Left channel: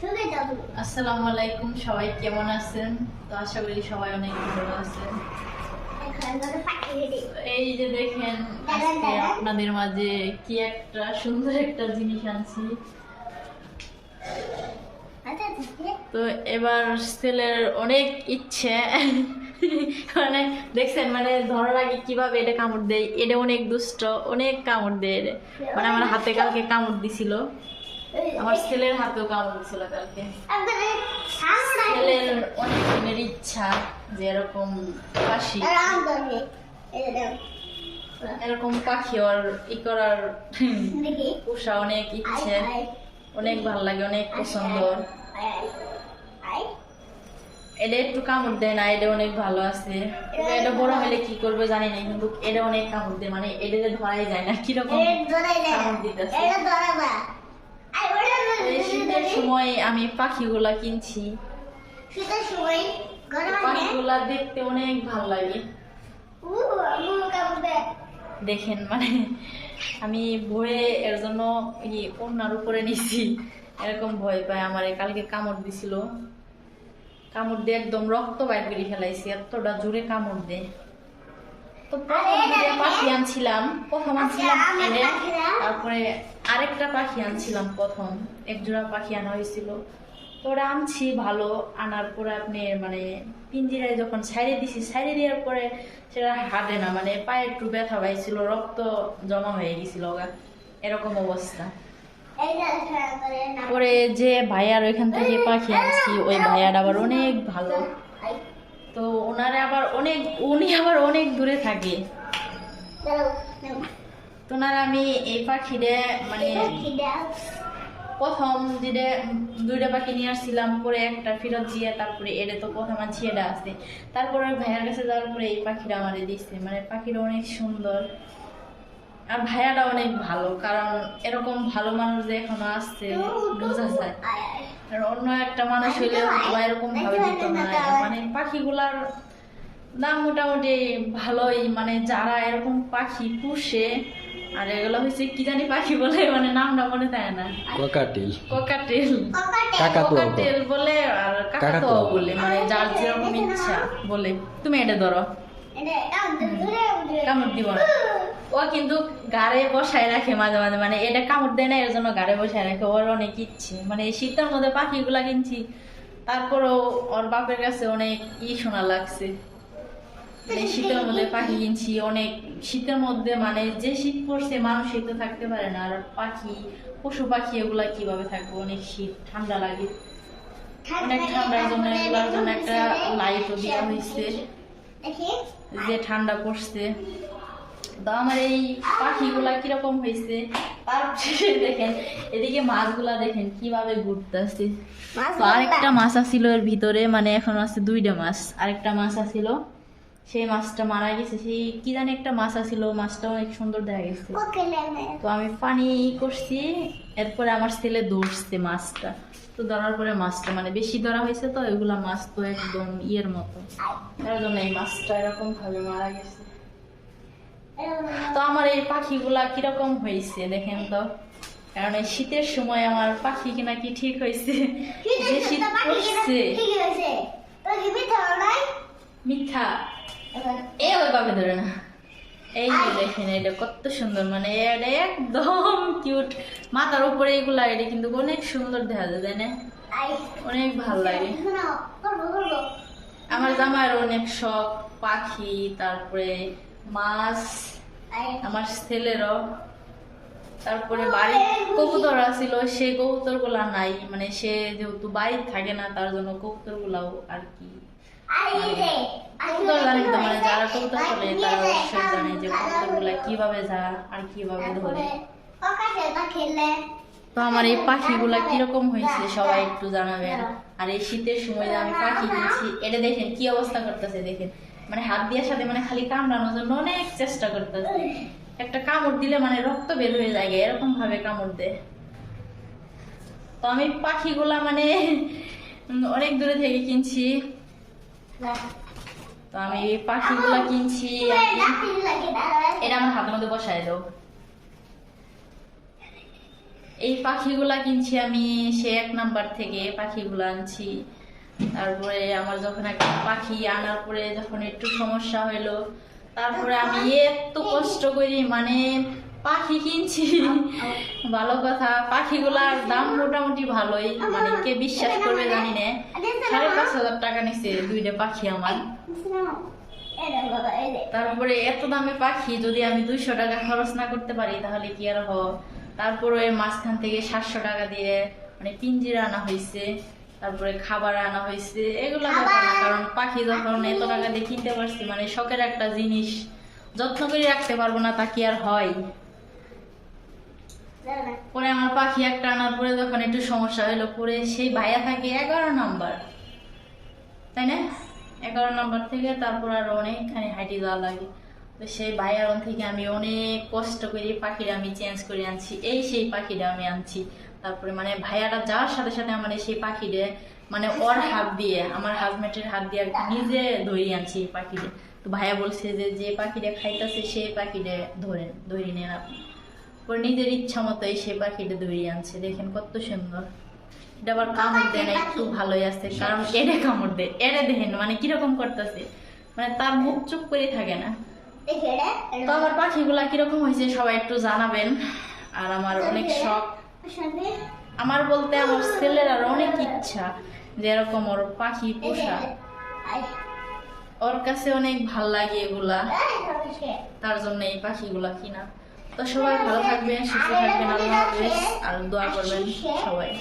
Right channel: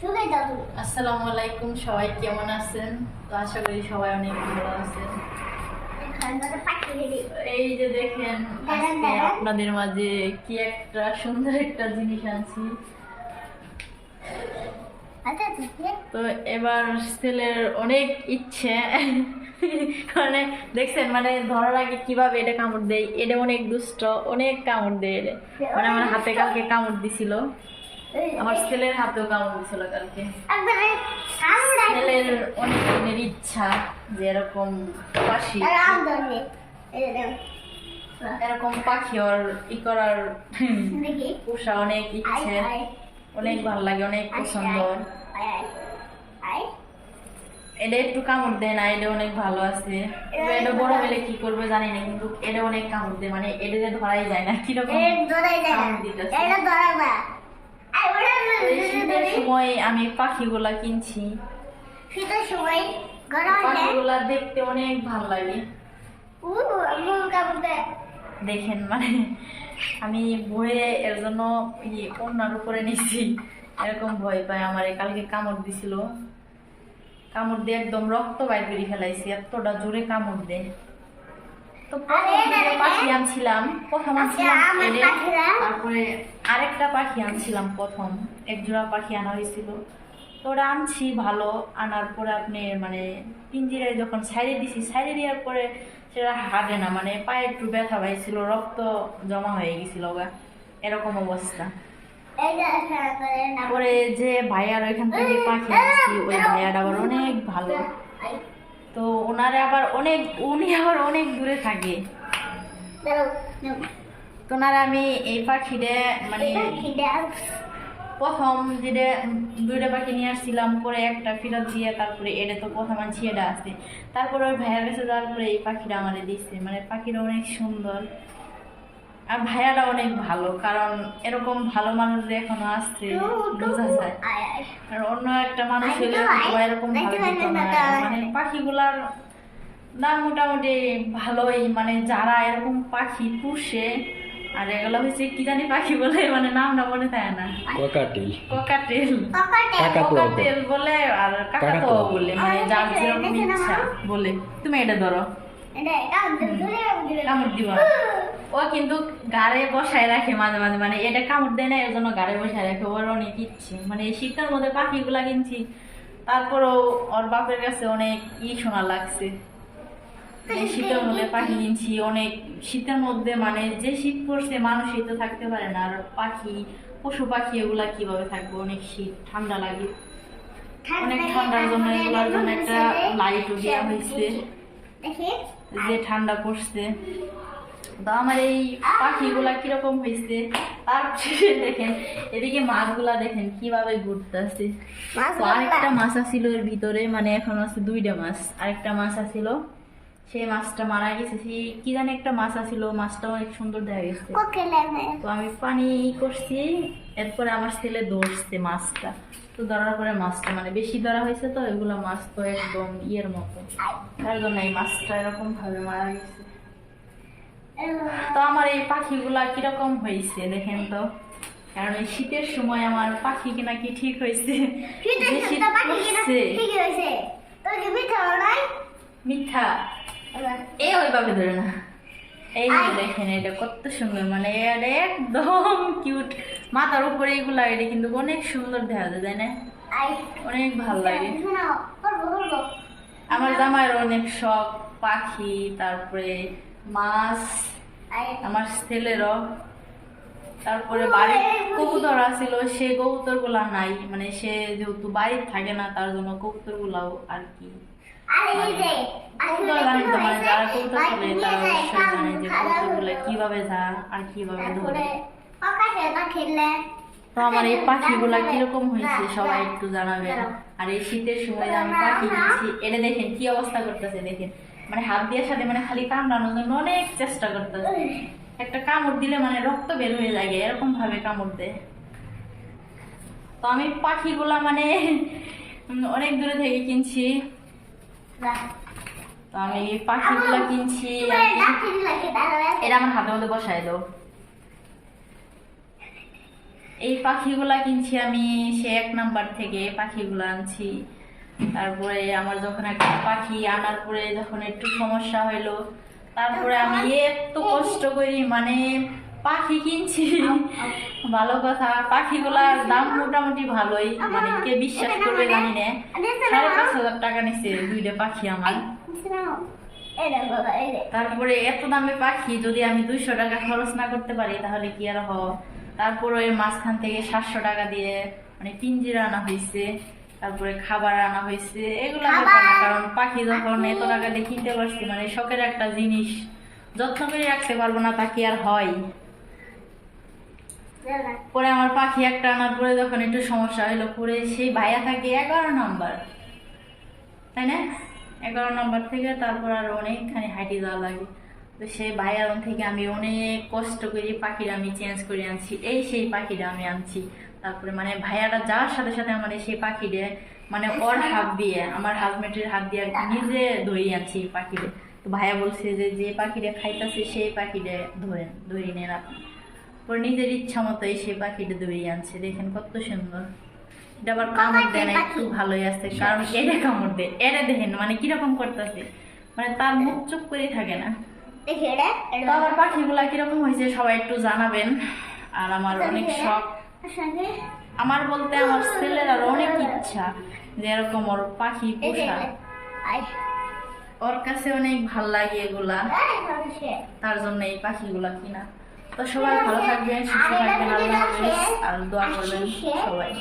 আসসালামু আলাইকুম, সবাই কেমন আছেন? তো আশা করি সবাই অনেক ভালো আছেন। এই যে দেখেন, আজকে আপনাদের মাঝে কি একটা সুন্দর একটা জিনিস আনছি। তো এবার ছেলের অনেক ইচ্ছে, মানে দেখছেন, মানে ধরার আগে কিভাবে এটা কামড় দেয়। এটা অনেক দুষ্ট, অনেক কামড় দেয় এটা। মানে আমার হাতে কালকে কামড় দিছিল, আমার ছেলের হাতেও কামড় দিছিল কালকে। ছেলের অনেক দিনের ইচ্ছা যে এরকম পাখি, এরকম পাখি ওর ই করার পোষা অনেক ইচ্ছে, অনেক ভালো লাগে, অনেক পছন্দ। এটা একটু কামড় দেয় না, এটা অনেক ভালো আছে। এটা বড় হলে কি করবে জানি না, কিন্তু এটা অনেক কামড় দেয়, মানে এটা ধরাই যায় না, কিরকম কামড় দিতেছে। শীতের সময় আমি পাখিগুলা কিনছি, পাখিগুলা দেখতে অনেক ভালো লাগে। দেখেন, মানে আমি ভয়ে এর জন্য ওড়নার উপরে নিচ্ছি, এরকম ভয় পায়। আমার কালকে কামড় দিছিল, কামড় দিয়ে একদম রক্ত বাইর করে ফেলাইছে, এতটা জোরে কামড় দেয়। তো পাখি আনছিলাম, প্রথম আনছিলাম এনে, তারপরে আরেকটা পাখি আনছিলাম, প্রথম এক জোড়া পাখি আনা হয়েছিল। তো ওরা আনছি ভালো, আনার পরে আপনি মানে পিঞ্জিরায় যখন ছাইড়ে দিছি, ছাইড়ে দেওয়ার পরে সেটা হাঁটে না, মানে পায়ে একটু ব্যথা পাইছিল, রক্ত জমা হয়ে গেছিল গা, এরকম অবস্থা। পরে যে ভাইয়ার ওইখান থেকে পাখি আনছি, ওই ভাইয়াটা আবার অনেক ভালো। তো উনি আবার অনেক দূরে থাকে। তো আমি এই পাখিটা মানে প্রথম যেটা দুইটা পাখি নিয়ে আসছিলাম, পরে একটা ফেরত দিয়ে তারপরে এটা তো প্রথম আনছি, এটা আসছে। তারপরে ভাইয়ার কাছে যাওয়ার পরে এই পাখিটা আমাদের দিচ্ছে। মানে পাখিটা অনেক সুন্দর, আর ভাইয়াটা অনেক ভালো, কারণ এরকম ভালো মানুষ যে এখনো আসছে বোঝা যায়। আর অন্য একটা মানুষ হলে এরকম ভাবে দিত না। মানে পাখিগুলার দাম মোটামুটি ভালোই, মানে যারা এরকম পাখি পুষে। আর এগুলো হচ্ছে কি জানি পাখি বলে, মানে নামটা মনে থাকে না। কোকাটেল বলে, আর কাকাতুয়া বলে, মানে যার যেরকম ইচ্ছা বলে। তুমি এটা ধরো, কামড় দিব না। ও কিন্তু গাড়ে বসায় রাখে মাঝে মাঝে, মানে এটা কামড় দেয় না, এর জন্য গাড়ে বসায় রাখে। ওর অনেক ইচ্ছে, মানে এই শীতের মধ্যে পাখিগুলা কিনছি, তারপরও ওর বাপের কাছে অনেক শোনা লাগছে। শীতের মধ্যে পাখি কিনছি, অনেক শীতের মধ্যে, মানে যে শীত পড়ছে মানুষই তো থাকতে পারে না, আর পাখি, পশু পাখি এগুলা কিভাবে থাকবে, অনেক শীত, ঠান্ডা লাগে, অনেক ঠান্ডার জন্য এগুলার জন্য একটা লাইটও দেওয়া হয়েছে যে ঠান্ডা পড়ছে। তো আমার এই পাখিগুলা কিরকম হয়েছে তার শেষে দেখেন, এদিকে মাছগুলা দেখেন কিভাবে ঘুরতে আসছে। তো আরেকটা মাছ আসছিল এর ভিতরে, মানে এখন আছে দুইটা মাছ। আরেকটা মাছ আসছিল, সেই মাছটা মারা গেছে। সেই কি জানি একটা মাছ আসছিল, মাছটা অনেক সুন্দর দেখা গেছে। তো আমি পানি করছি, এরপরে আমার ছেলে ধরছে মাছটা। তো ধরার পরে মাছটা মানে বেশি ধরা হয়েছে, তো এগুলা মাছ তো একদম ইয়ের মতো, তার জন্য এই মাছটা এরকম ভাবে মারা গেছে। তো আমার এই পাখিগুলা কিরকম হয়েছে দেখেন তো, কারণ এই শীতের সময় আমার পাখি কিনা কি ঠিক হয়েছে। মিথ্যা এই ওইভাবে ধরে না। এই যে দেখেন, এটা কত সুন্দর, মানে এটা একদম কিউট। মাথার উপরে এগুলা, এটা কিন্তু অনেক সুন্দর দেখা যায়, তাই না? অনেক ভালো লাগে। আমার জামাইয়ের অনেক শখ পাখি, তারপরে মাছ, আমার ছেলেরও। তারপরে বাড়ির কবুতর আছিল, সেই কবুতর গুলা নাই, মানে সে যেহেতু বাড়িতে থাকে না, তার জন্য কবুতর গুলাও আর কি যারা কবুতর চলে তারা অবশ্যই জানে যে কবুতর গুলা কিভাবে যা আর কিভাবে ধরে। তো আমার এই পাখিগুলা কিরকম হয়েছে সবাই একটু জানাবেন। আর এই শীতের সময় আমি পাখি কিনছি, এটা দেখেন কি অবস্থা করতেছে, দেখেন মানে হাত দিয়ে সাথে মানে খালি কামড়ানোর জন্য অনেক চেষ্টা করতেছে। একটা কামড় দিলে মানে রক্ত বের হয়ে যায়, এরকম ভাবে কামড় দেয়। তো আমি পাখিগুলা মানে অনেক দূরে থেকে কিনছি। তো আমি এই পাখিগুলা কিনছি, এটা আমার হাতের মধ্যে বসায় দাও। এই পাখিগুলা কিনছি আমি সে 1 নাম্বার থেকে পাখিগুলো আনছি। তারপরে আমার যখন একটা পাখি আনার পরে যখন একটু সমস্যা হইলো, তারপরে আমি এত কষ্ট করি মানে পাখি কিনছি। ভালো কথা, পাখিগুলার দাম মোটামুটি ভালোই, মানে কে বিশ্বাস করবে জানি না, 5,500 টাকা নিচ্ছে 2টা পাখি আমার। তারপরে এত দামি পাখি যদি আমি 200 টাকা খরচ না করতে পারি তাহলে কি আর হয়। তারপরে ওই মাঝখান থেকে 700 টাকা দিয়ে মানে পিঞ্জিরা আনা হয়েছে, তারপরে খাবার আনা হয়েছে, এগুলা ব্যাপার না। কারণ পাখি যখন এত টাকা দিয়ে কিনতে পারছি, মানে শখের একটা জিনিস, যত্ন করে রাখতে পারবো না তা কি আর হয়। পরে আমার পাখি একটা আনার পরে যখন একটু সমস্যা হইলো, পরে সেই ভাইয়া থাকে 11 নাম্বার, তাই না, 11 নাম্বার থেকে তারপর আর অনেকখানি হাঁটি যাওয়া লাগে। তো সেই ভাইয়ার থেকে আমি অনেক কষ্ট করে পাখিটা আমি চেঞ্জ করে আনছি, সেই পাখিটা আমি আনছি। তারপরে মানে ভাইয়াটা যাওয়ার সাথে সাথে আমার সেই পাখিটা মানে ওর হাত দিয়ে, আমার হাজবেন্ডের হাত দিয়ে আর কি নিজে ধরে আনছি এই পাখিটা। তো ভাইয়া বলছে যে পাখিটা খাইতেছে সেই পাখিটা ধরে নেন আপনি। ওর নিজের ইচ্ছা মতো সেই পাখিটা ধরে আনছে, দেখেন কত সুন্দর। এটা আবার কামড় দেয় না, একটু ভালোই আছে, কারণ এটা কামড় দেয়, এটা দেখেন মানে কিরকম করতেছে, মানে তার মুখ চুপ করে থাকে না। তো আমার পাখিগুলা কিরকম হয়েছে সবাই একটু জানাবেন। আর আমার অনেক শখ, আমার বলতে আমার ছেলের আর অনেক ইচ্ছা যে এরকম ওর পাখি পোষা, ওর কাছে অনেক ভাল লাগে এগুলা, তার জন্য এই পাখিগুলা কিনা। তো সবাই ভালো থাকবেন, সুস্থ থাকবেন, আল্লাহ হাফেজ, আর দোয়া করবেন সবাই।